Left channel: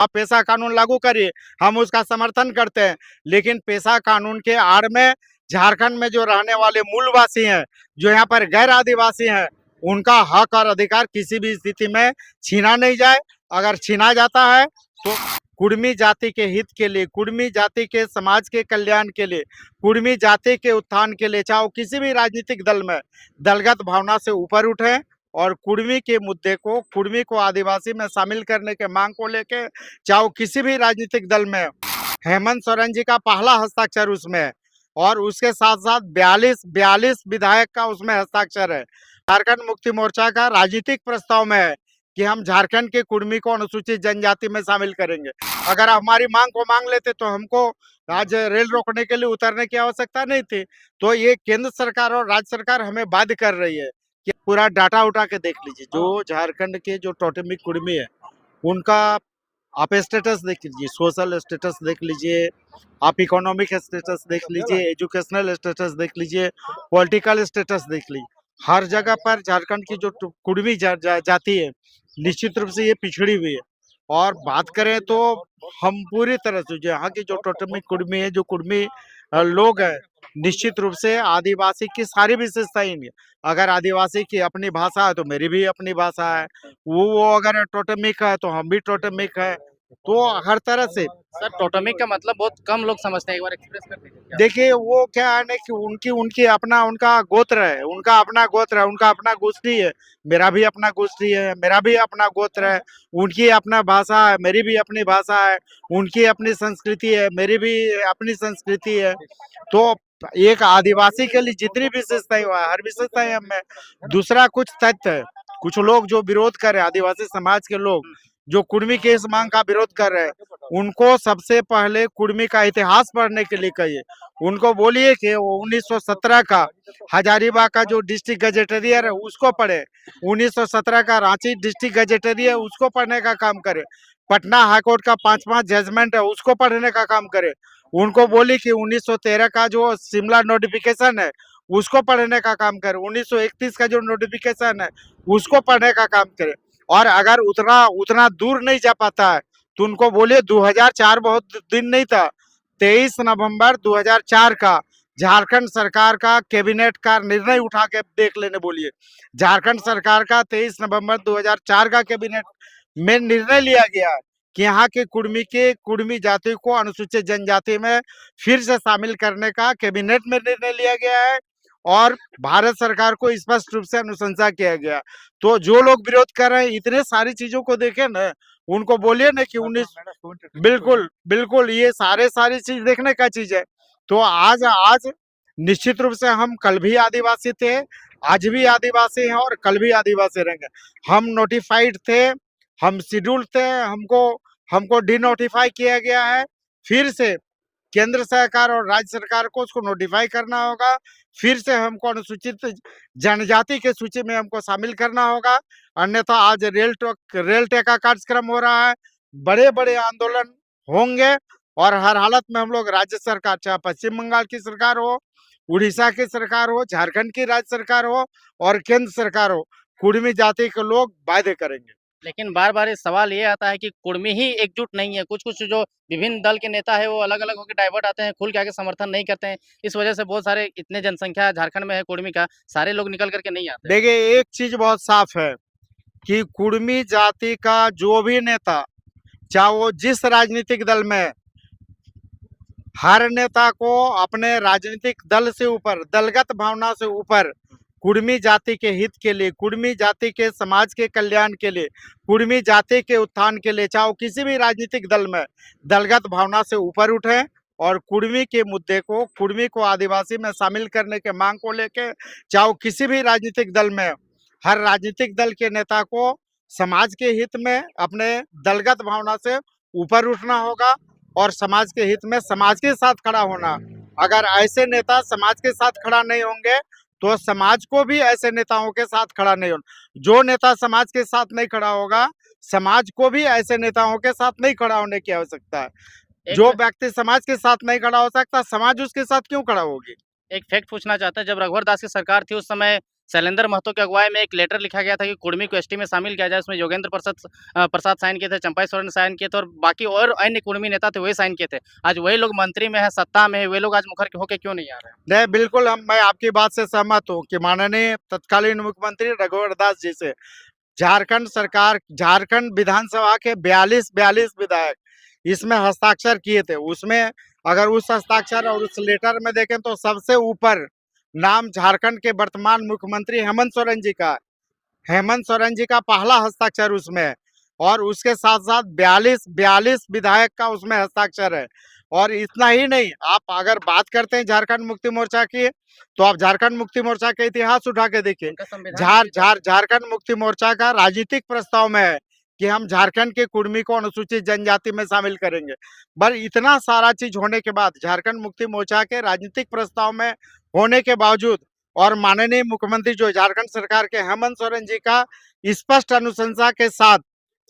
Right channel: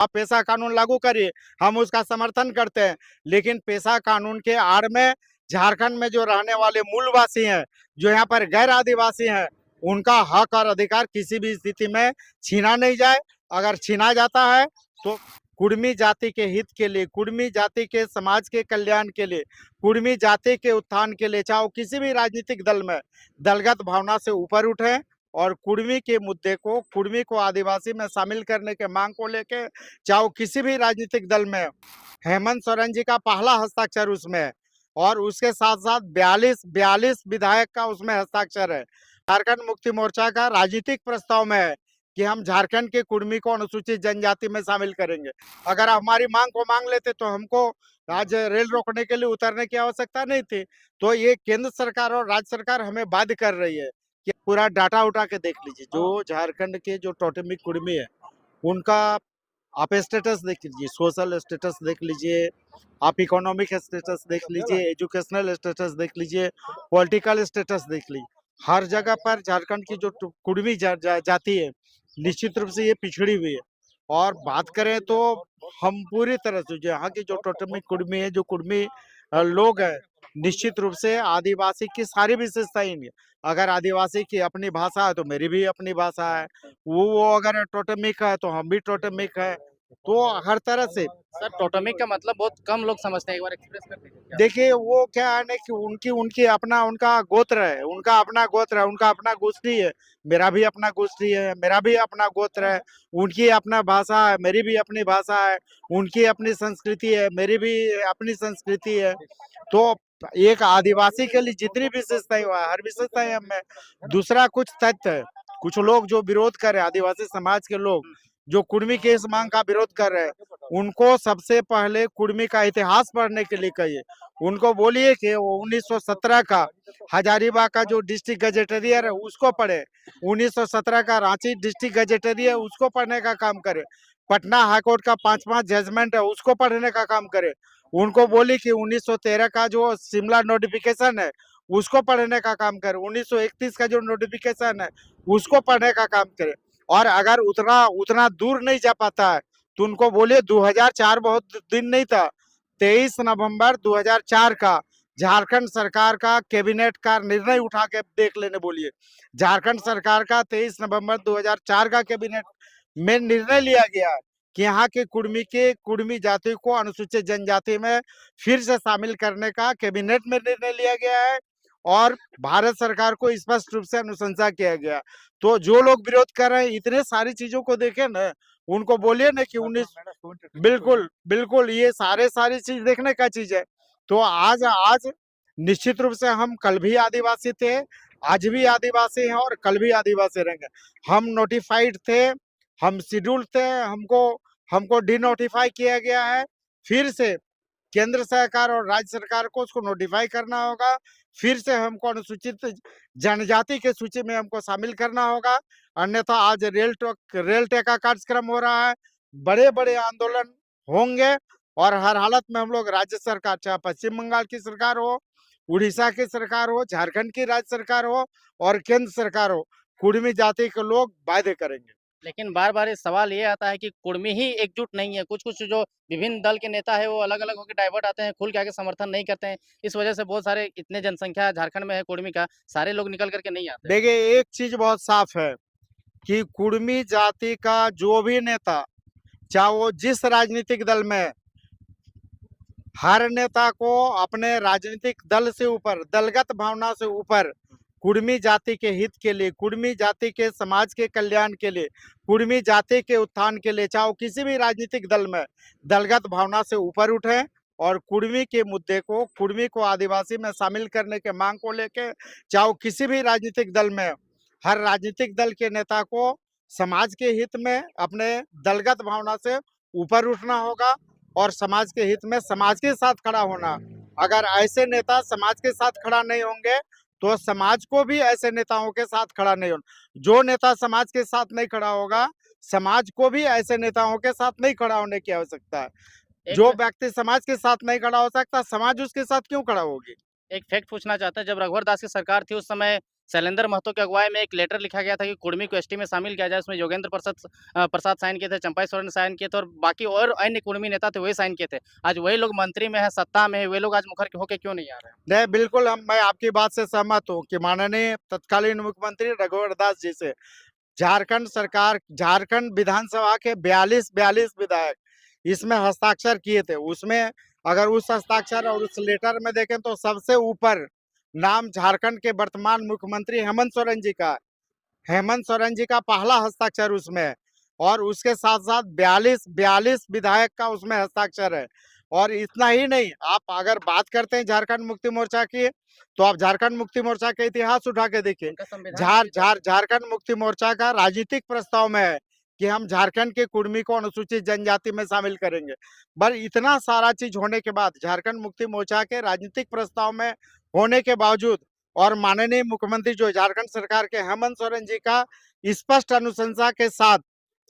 आप पेशा कानून लागू करिए, हम उसका समर्थन करते हैं। लेकिन पेशा कानून के आड़ में झारखंड में जो रहने वाले मूलवासी हैं, जो यहाँ पर गैर आदिवासी हैं, उनका हक और अधिकार किसी भी स्थिति में छीना नहीं जाए। अगर छीना जाता है तो कुर्मी जाति के हित के लिए, कुर्मी जाति के समाज के कल्याण के लिए, कुर्मी जाति के उत्थान के लिए, चाहे किसी भी राजनीतिक दल में दलगत भावना से ऊपर उठे और कुर्मी के मुद्दे को, कुर्मी को आदिवासी में शामिल करने के मांग को लेके, चाहे किसी भी राजनीतिक दल में हेमंत सोरेन जी का पहला हस्ताक्षर उसमें है और उसके साथ साथ 42 विधायक का उसमें हस्ताक्षर है। झारखंड मुक्ति मोर्चा का राजनीतिक प्रस्ताव में है कि हम झारखंड के कुर्मी को अनुसूचित जनजाति में शामिल करेंगे। अगर हमारी मांग को मांग लेते तो हमको आज रेल रोकने के लिए उतरने की आवश्यकता नहीं थी। तो ये केंद्र सरकार और राज्य सरकार हमें बाध्य कर रही है कि पूरा डाटा उठा के देख लीजिए, जो झारखंड के जो टोटेमिक कुर्मी है उनका आप स्टेटस देख लीजिए, सोशल स्टेटस देख लीजिए, आप इकोनॉमिक स्टेटस देख लीजिए, एजुकेशनल स्टेटस देख लीजिए, पॉलिटिकल स्टेटस देख लीजिए। हर जगह पर झारखंड की जो कुर्मी जाति है, निश्चित रूप से ये पिछड़ी हुई है। और बात करें तो हम पूरी तरह से जो यहाँ की जो टोटमिक कुर्मी है, जो कुर्मी लोग हैं, निश्चित रूप से आदिवासी की सारी विशेषताएं हैं। अगर आदिवासी की अपनी भाषा है तो मेरी भी अपनी भाषा है, वो अगर टोटमिक है तो हम भी टोटमिक है। तो हर तरह से सर टोटमिक का मतलब बहुत कम लोग समझते हैं, एक बार एक्सप्रेस कर दीजिए क्या? देखिए वो क्या है ना कि उनकी उनकी अपना उनका गोत्र है, उनका अपना गोत्र है, उनका अपना गोष्ठी है। मेरा भी अपना गोष्ठी है, मेरा भी अपना गोत्र है। उनकी अपना भाषा है, मेरी भी अपनी भाषा है। उनकी अपनी संस्कृति है, मेरी भी अपनी संस्कृति है। तो एक आदिवासी के लिए जितनी विशेषताएं हुआ हर विशेषताएं हमें। दूसरा कुछ तथ्य है, कुछ लोग जो विरोध कर रहे हैं, आदिवासी समाज के लोग जो कुर्मी के इस मांग का विरोध कर रहे हैं, उनको सबसे पहले कुर्मी का इतिहास पढ़ने के लिए कहिए। उनको बोलिए कि वो 1917 का हजारीबाग का जो डिस्ट्रिक्ट गजेटेरियर है उसको पढ़े, 1917 का रांची डिस्ट्रिक्ट गजेटेरियर है उसको पढ़ने का काम करे, पटना हाईकोर्ट का 5 जजमेंट है उसको पढ़ने का काम करे। उनको बोली कि 1913 का जो शिमला नोटिफिकेशन है उसको पढ़ने का काम करे, 1931 का जो नोटिफिकेशन है उसको पढ़ने का काम करे। और अगर उतना उतना दूर नहीं जा पाता है तो उनको बोलिए 2004 बहुत दिन नहीं था, 23 नवंबर 2004 का झारखंड सरकार का कैबिनेट का निर्णय उठा के देख लेने बोलिए। झारखंड सरकार का 23 नवंबर 2004 का कैबिनेट में निर्णय लिया गया कि यहाँ के कुर्मी जाति को अनुसूचित जनजाति में फिर से शामिल करने का कैबिनेट में निर्णय लिया गया है और भारत सरकार को स्पष्ट रूप से अनुशंसा किया गया। तो जो लोग विरोध कर रहे हैं इतने सारी चीजों को देखे ना, उनको बोलिए ना कि 19 बिल्कुल बिल्कुल ये सारी चीज देखने का चीज है। तो आज आज निश्चित रूप से हम कल भी आदिवासी थे, आज भी आदिवासी हैं और कल भी आदिवासी रहेंगे। हम नोटिफाइड थे, हम शेड्यूल्ड थे, हमको हमको डिनोटिफाई किया गया है। फिर से केंद्र सरकार और राज्य सरकार को उसको नोटिफाई करना होगा। फिर से हमको अनुसूचित जनजाति के सूची में हमको शामिल करना होगा। अन्यथा आज रेल टेक का कार्यक्रम हो रहा है, बड़े बड़े आंदोलन होंगे और हर हालत में हम लोग राज्य सरकार, चाहे पश्चिम बंगाल की सरकार हो, उड़ीसा की सरकार हो, झारखंड की राज्य सरकार हो और केंद्र सरकार हो, कुर्मी जाति के लोग वायदे करेंगे। लेकिन बार-बार ये सवाल ये आता है कि कुर्मी ही एकजुट नहीं है। कुछ-कुछ जो विभिन्न दल के नेता हैं, वो अलग-अलग होके डाइवर्ट आते हैं, खुल के आके समर्थन नहीं करते हैं। इस वजह से बहुत सारे इतने जनसंख्या झारखंड में है कुर्मी का, सारे लोग निकल कर के नहीं आते हैं। देखिए एक चीज बहुत साफ है कि कुर्मी जाति का जो भी नेता, चाहे वो जिस राजनीतिक दल में है, हर नेता को अपने राजनीतिक दल से ऊपर, दलगत भावना से ऊपर कुर्मी जाति के हित के लिए, कुर्मी जाति के समाज के कल्याण के लिए, कुर्मी जाति के उत्थान के लिए, चाहे किसी भी राजनीतिक दल में दलगत भावना से ऊपर उठे और कुर्मी के मुद्दे को, कुर्मी को आदिवासी में शामिल करने के मांग को लेके, चाहे किसी भी राजनीतिक दल में, हर राजनीतिक दल के नेता को समाज के हित में अपने दलगत भावना से ऊपर उठना होगा और समाज के हित में समाज के साथ खड़ा होना। अगर ऐसे नेता समाज के साथ खड़ा नहीं होंगे तो समाज को भी ऐसे नेताओं के साथ खड़ा नहीं होना। जो नेता समाज के साथ नहीं खड़ा होगा, समाज को भी ऐसे नेताओं के साथ नहीं खड़ा होने की आवश्यकता है। एक जो मैं व्यक्ति समाज के साथ नहीं खड़ा हो सकता, समाज उसके साथ क्यों खड़ा होगी? एक फैक्ट पूछना चाहता है, जब रघुवर दास की सरकार थी, उस समय शैलेंद्र महतो की अगुवाई में एक लेटर लिखा गया था कि कुर्मी को एसटी में शामिल किया जाए। उसमें योगेंद्र प्रसाद साइन किए थे, चंपाई सोरेन साइन किए थे और बाकी और अन्य कुर्मी नेता थे, वही साइन किए थे। आज वही लोग मंत्री में हैं, सत्ता में है, वे लोग आज मुखर होके क्यों नहीं आ रहे हैं? नहीं, बिल्कुल मैं आपकी बात से सहमत हूँ कि माननीय तत्कालीन मुख्यमंत्री रघुवर दास जी से झारखंड विधानसभा के 42 विधायक इसमें हस्ताक्षर किए थे। उसमें अगर उस हस्ताक्षर और उस लेटर में देखें तो सबसे ऊपर नाम झारखंड के वर्तमान मुख्यमंत्री हेमंत सोरेन जी का, हेमंत सोरेन जी का पहला हस्ताक्षर उसमें है। और उसके साथ साथ 42 विधायक का उसमें हस्ताक्षर है। और इतना ही नहीं, आप अगर बात करते हैं झारखंड मुक्ति मोर्चा की, तो आप झारखंड मुक्ति मोर्चा का इतिहास उठा के देखिए। उनका संविधान में भी था। झारखंड मुक्ति मोर्चा का राजनीतिक प्रस्ताव में है कि हम झारखंड के कुर्मी को अनुसूचित जनजाति में शामिल करेंगे। पर इतना सारा चीज होने के बाद, झारखंड मुक्ति मोर्चा के राजनीतिक प्रस्ताव में होने के बावजूद और माननीय मुख्यमंत्री जो झारखंड सरकार के हेमंत सोरेन जी का स्पष्ट अनुशंसा के साथ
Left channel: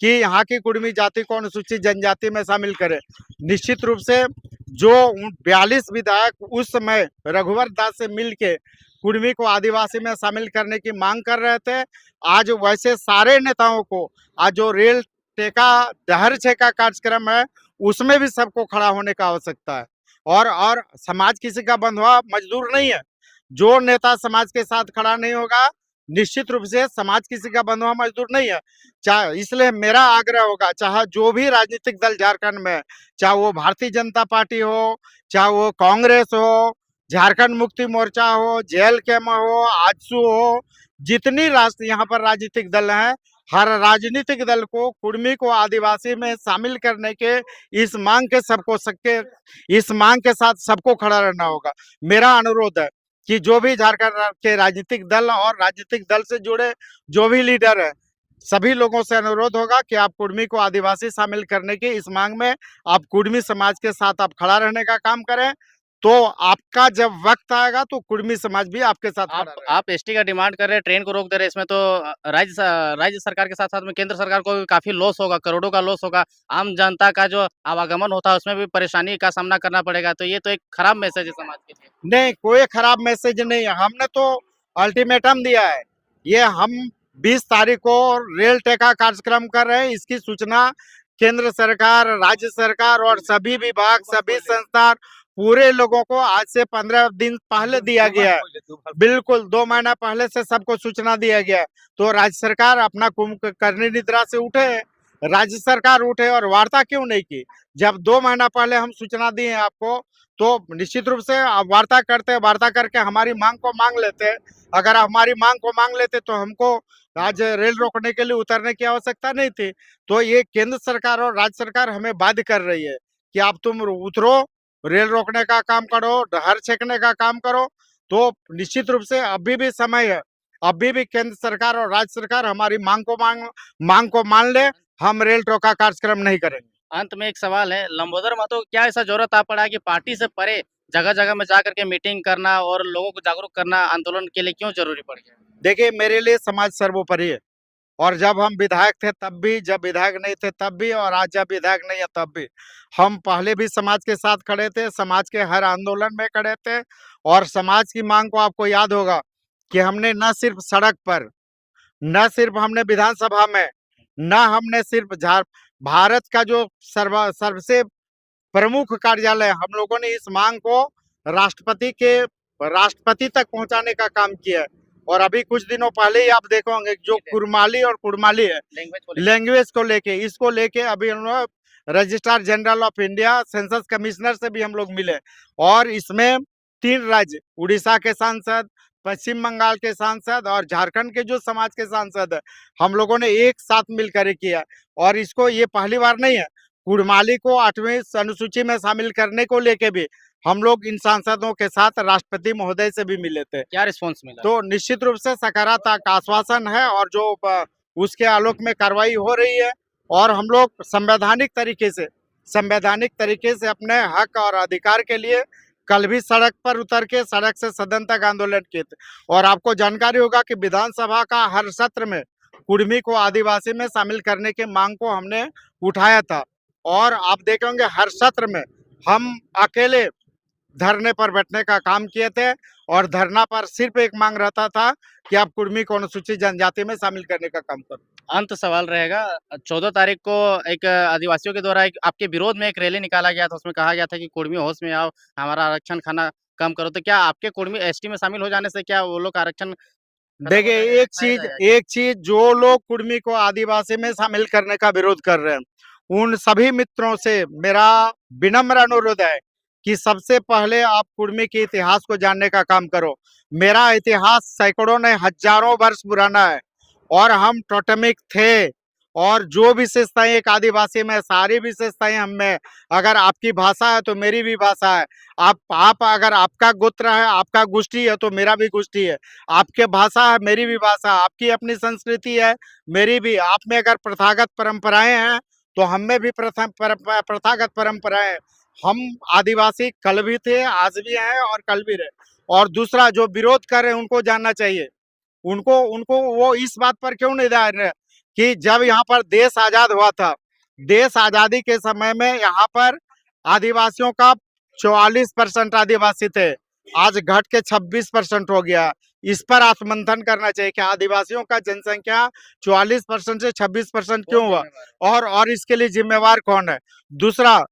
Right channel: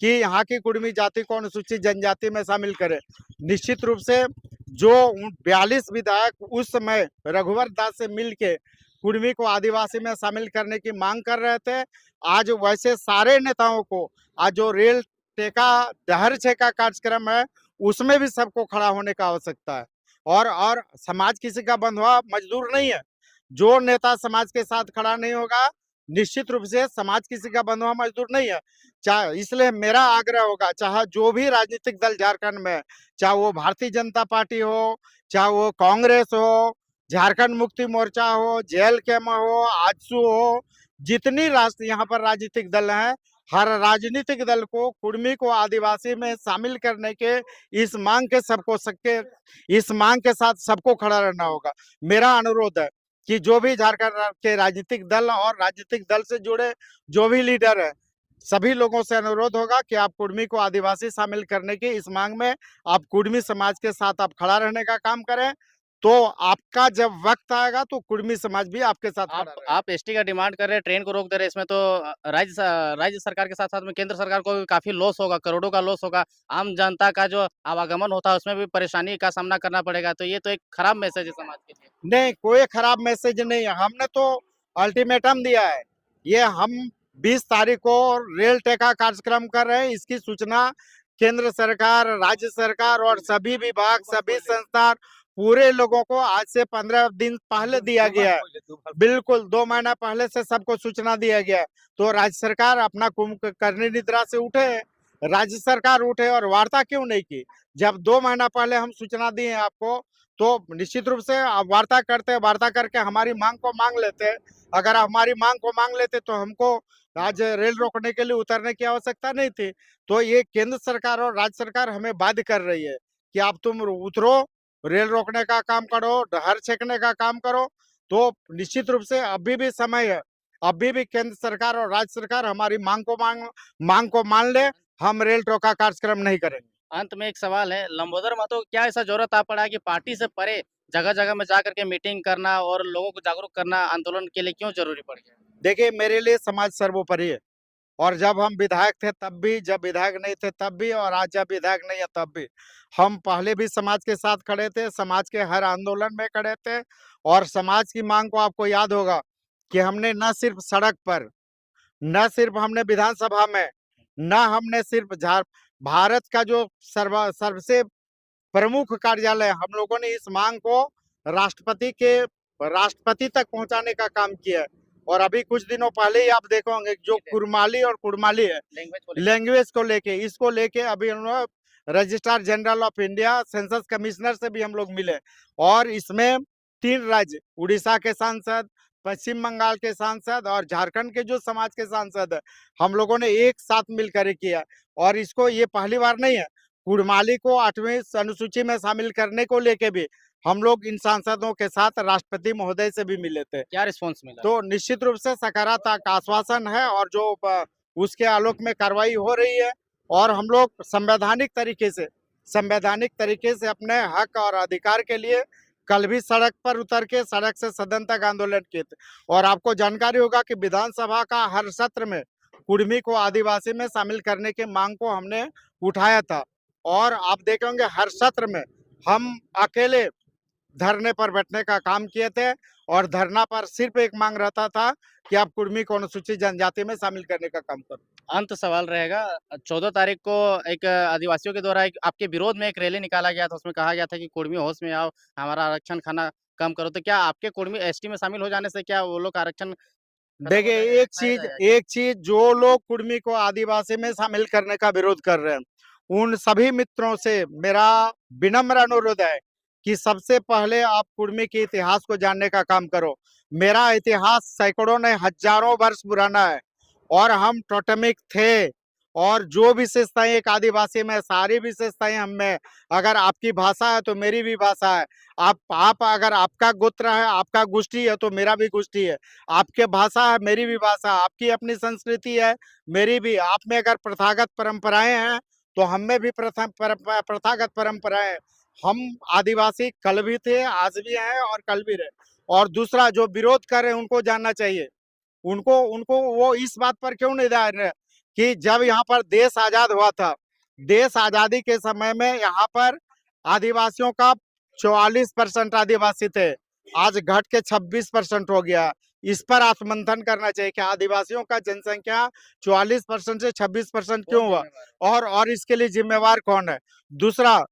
कि यहाँ की कुर्मी जाति को अनुसूचित जनजाति में शामिल करें, निश्चित रूप से जो 42 विधायक उस समय रघुवर दास से मिलके कुर्मी को आदिवासी में शामिल करने की मांग कर रहे थे, आज वैसे सारे नेताओं को आज जो रेल टेका दहर छेका कार्यक्रम है उसमें भी सबको खड़ा होने का आवश्यकता है। और समाज किसी का बंधुआ मजदूर नहीं है। जो नेता समाज के साथ खड़ा नहीं होगा, निश्चित रूप से समाज किसी का बंधुआ मजदूर नहीं है। चाहे इसलिए मेरा आग्रह होगा, चाहे जो भी राजनीतिक दल झारखंड में, चाहे वो भारतीय जनता पार्टी हो, चाहे वो कांग्रेस हो, झारखंड मुक्ति मोर्चा हो, जेएलकेएम हो, आजसू हो, जितनी राष्ट्र यहाँ पर राजनीतिक दल हैं, हर राजनीतिक दल को कुर्मी को आदिवासी में शामिल करने के इस मांग के साथ सबको खड़ा रहना होगा। मेरा अनुरोध है कि जो भी झारखंड के राजनीतिक दल और राजनीतिक दल से जुड़े जो भी लीडर है, सभी लोगों से अनुरोध होगा कि आप कुर्मी को आदिवासी शामिल करने की इस मांग में आप कुर्मी समाज के साथ आप खड़ा रहने का काम करें। तो आपका जब वक्त आएगा तो कुर्मी समाज भी आपके साथ खड़ा रहेगा। आप एसटी का डिमांड कर रहे हैं, ट्रेन को रोक दे रहे हैं, इसमें तो राज्य सरकार के साथ-साथ में केंद्र सरकार को भी काफ़ी लॉस होगा, करोड़ों का लॉस होगा। आम जनता का जो आवागमन होता है, उसमें भी परेशानी का सामना करना पड़ेगा। तो ये तो एक खराब मैसेज है समाज के लिए। नहीं, कोई खराब मैसेज नहीं है। हमने तो अल्टीमेटम दिया है। ये हम 20 तारीख को रेल टेका कार्यक्रम कर रहे हैं। इसकी सूचना केंद्र सरकार, राज्य सरकार और सभी विभाग, सभी संस्थान, पूरे लोगों को आज से 15 दिन पहले दिया गया है। बिल्कुल 2 महीना पहले से सबको सूचना दिया गया है। तो राज्य सरकार अपना कुंभकर्णी निद्रा से उठे, राज्य सरकार उठे और वार्ता क्यों नहीं की? जब 2 महीना पहले हम सूचना दिए आपको, तो निश्चित रूप से वार्ता करते, वार्ता करके हमारी मांग को मांग लेते। अगर हमारी मांग को मांग लेते तो हमको आज रेल रोकने के लिए उतरने की आवश्यकता नहीं थी। तो ये केंद्र सरकार और राज्य सरकार हमें बाध्य कर रही है कि आप तुम उतरो, रेल रोकने का काम करो, डहर छेकने का काम करो। तो निश्चित रूप से अभी भी समय है, अभी भी केंद्र सरकार और राज्य सरकार हमारी मांग को मान ले, हम रेल रोका कार्यक्रम नहीं करेंगे। अंत में एक सवाल है, लंबोदर महतो क्या ऐसा ज़रूरत आ पड़ा है कि पार्टी से परे जगह-जगह में जाकर के मीटिंग करना और लोगों को जागरूक करना आंदोलन के लिए क्यों ज़रूरी पड़ गया? देखिए, मेरे लिए समाज सर्वोपरि है। और जब हम विधायक थे तब भी, जब विधायक नहीं थे तब भी, और आज जब विधायक नहीं है तब भी, हम पहले भी समाज के साथ खड़े थे, समाज के हर आंदोलन में खड़े थे। और समाज की मांग को आपको याद होगा कि हमने न सिर्फ सड़क पर, न सिर्फ हमने विधानसभा में, न हमने सिर्फ भारत का जो सबसे प्रमुख कार्यालय, हम लोगों ने इस मांग को राष्ट्रपति तक पहुंचाने का काम किया है। और अभी कुछ दिनों पहले ही आप देखोगे जो कुड़माली है, लैंग्वेज को लेके, इसको लेके अभी हम लोग registrar general of India, census commissioner से भी हम लोग मिले। और इसमें 3 राज्य, उड़ीसा के सांसद, पश्चिम बंगाल के सांसद और झारखंड के जो समाज के सांसद है, हम लोगों ने एक साथ मिलकर किया। और इसको ये पहली बार नहीं है, कुड़माली को 8वीं अनुसूची में शामिल करने को लेके भी हम लोग इन सांसदों के साथ राष्ट्रपति महोदय से भी मिले थे। क्या रिस्पॉन्स मिला? तो निश्चित रूप से सकारात्मक आश्वासन है और जो उसके आलोक में कार्रवाई हो रही है। और हम लोग संवैधानिक तरीके से अपने हक और अधिकार के लिए कल भी सड़क पर उतर के सड़क से सदन तक आंदोलन किए थे। और आपको जानकारी होगा कि विधानसभा का हर सत्र में कुर्मी को आदिवासी में शामिल करने के मांग को हमने उठाया था। और आप देखेंगे हर सत्र में हम अकेले धरने पर बैठने का काम किए थे। और धरना पर सिर्फ एक मांग रहता था कि आप कुर्मी को अनुसूचित जनजाति में शामिल करने का काम करो। अंत सवाल रहेगा 14 तारीख को एक आदिवासियों के द्वारा एक आपके विरोध में एक रैली निकाला गया था, उसमें कहा गया था कि कुर्मी होश में आओ, हमारा आरक्षण खाना कम करो। तो क्या आपके कुर्मी एसटी में शामिल हो जाने से क्या वो लोग का आरक्षण खत्म हो देखिए, जाएगा या खाया जाएगा? एक चीज जो लोग कुर्मी को आदिवासी में शामिल करने का विरोध कर रहे हैं, उन सभी मित्रों से मेरा विनम्र अनुरोध है कि सबसे पहले आप कुर्मी के इतिहास को जानने का काम करो। मेरा इतिहास सैकड़ों नहीं हजारों वर्ष पुराना है और हम टोटेमिक थे और जो विशेषताएं एक आदिवासी में सारी विशेषताएं हम में। अगर आपकी भाषा है तो मेरी भी भाषा है। आप अगर आपका गोत्र है, आपका गोष्ठी है तो मेरा भी गोष्ठी है। आपके भाषा है, मेरी भी भाषा, आपकी अपनी संस्कृति है, मेरी भी। आप में अगर प्रथागत परंपराएं हैं तो हम में भी प्रथागत परंपराएं हैं। हम आदिवासी कल भी थे, आज भी हैं और कल भी रहे। और दूसरा, जो विरोध कर रहे हैं उनको जानना चाहिए, उनको उनको वो इस बात पर क्यों नहीं ध्यान रहे कि जब यहाँ पर देश आजाद हुआ था, देश आजादी के समय में यहाँ पर आदिवासियों का 44% आदिवासी थे, आज घट के 26% हो गया। इस पर आत्ममंथन करना चाहिए कि आदिवासियों का जनसंख्या 44% से 26% क्यों हुआ और इसके लिए जिम्मेवार कौन है। दूसरा,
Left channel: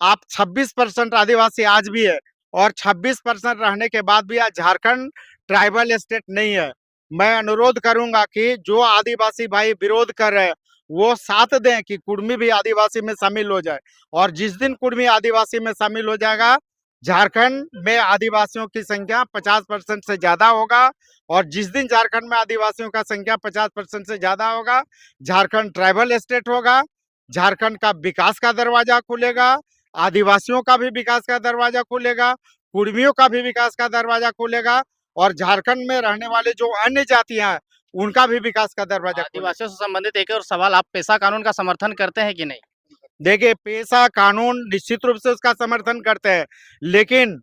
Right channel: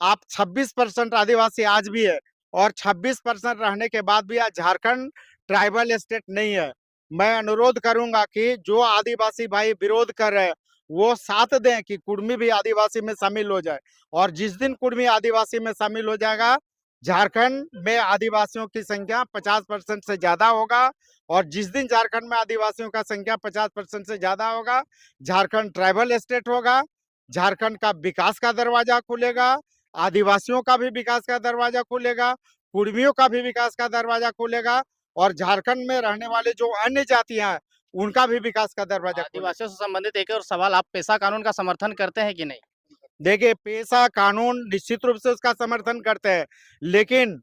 आप 26% आदिवासी आज भी है और 26% रहने के बाद भी आज झारखंड ट्राइबल स्टेट नहीं है। मैं अनुरोध करूंगा कि जो आदिवासी भाई विरोध कर रहे हैं वो साथ दें कि कुर्मी भी आदिवासी में शामिल हो जाए। और जिस दिन कुर्मी आदिवासी में शामिल हो जाएगा, झारखंड में आदिवासियों की संख्या 50% से ज्यादा होगा। और जिस दिन झारखंड में आदिवासियों का संख्या 50% से ज्यादा होगा, झारखंड ट्राइबल स्टेट होगा, झारखंड का विकास का दरवाजा खुलेगा, आदिवासियों का भी विकास का दरवाजा खुलेगा, कुर्मियों का भी विकास का दरवाजा खुलेगा और झारखंड में रहने वाले जो अन्य जातियां हैं उनका भी विकास का दरवाजा खुलेगा। आदिवासियों से संबंधित एक और सवाल, आप पेशा कानून का समर्थन करते हैं कि नहीं? देखिए, पेशा कानून निश्चित रूप से उसका समर्थन करते हैं, लेकिन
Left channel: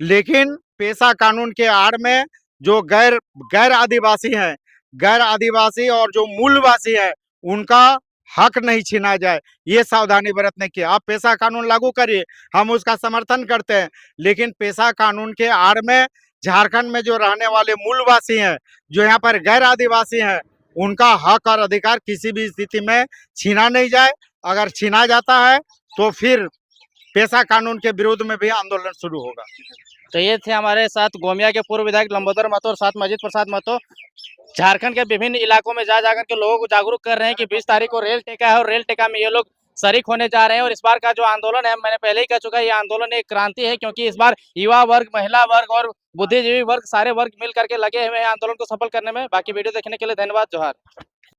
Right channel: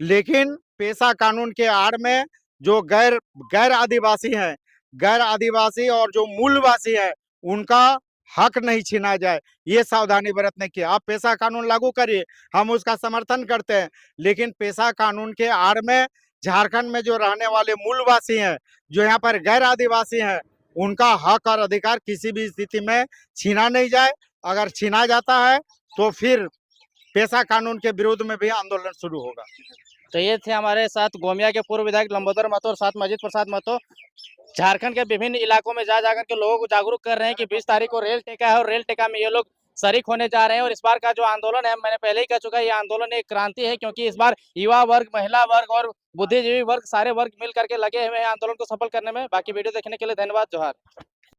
लेकिन पेशा कानून के आड़ में जो गैर गैर आदिवासी हैं, गैर आदिवासी और जो मूलवासी है, उनका हक नहीं छीना जाए, ये सावधानी बरतने की। आप पेशा कानून लागू करिए, हम उसका समर्थन करते हैं, लेकिन पेशा कानून के आड़ में झारखंड में जो रहने वाले मूलवासी हैं, जो यहाँ पर गैर आदिवासी हैं, उनका हक और अधिकार किसी भी स्थिति में छीना नहीं जाए। अगर छीना जाता है तो फिर पेशा कानून के विरोध में भी आंदोलन शुरू होगा। तो ये थे हमारे साथ गोमिया के पूर्व विधायक लंबोदर महतो और साथ मजीद प्रसाद महतो। झारखंड के विभिन्न इलाकों में जा जाकर के लोगों को जागरूक कर रहे हैं कि 20 तारीख को रेल टेका है और रेल टेका में ये लोग शरीक होने जा रहे हैं। और इस बार का जो आंदोलन है, मैंने पहले ही कह चुका है, ये आंदोलन एक क्रांति है, क्योंकि इस बार युवा वर्ग, महिला वर्ग और बुद्धिजीवी वर्ग, सारे वर्ग मिल करके लगे हुए हैं आंदोलन को सफल करने में। बाकी वीडियो देखने के लिए धन्यवाद। जोहार।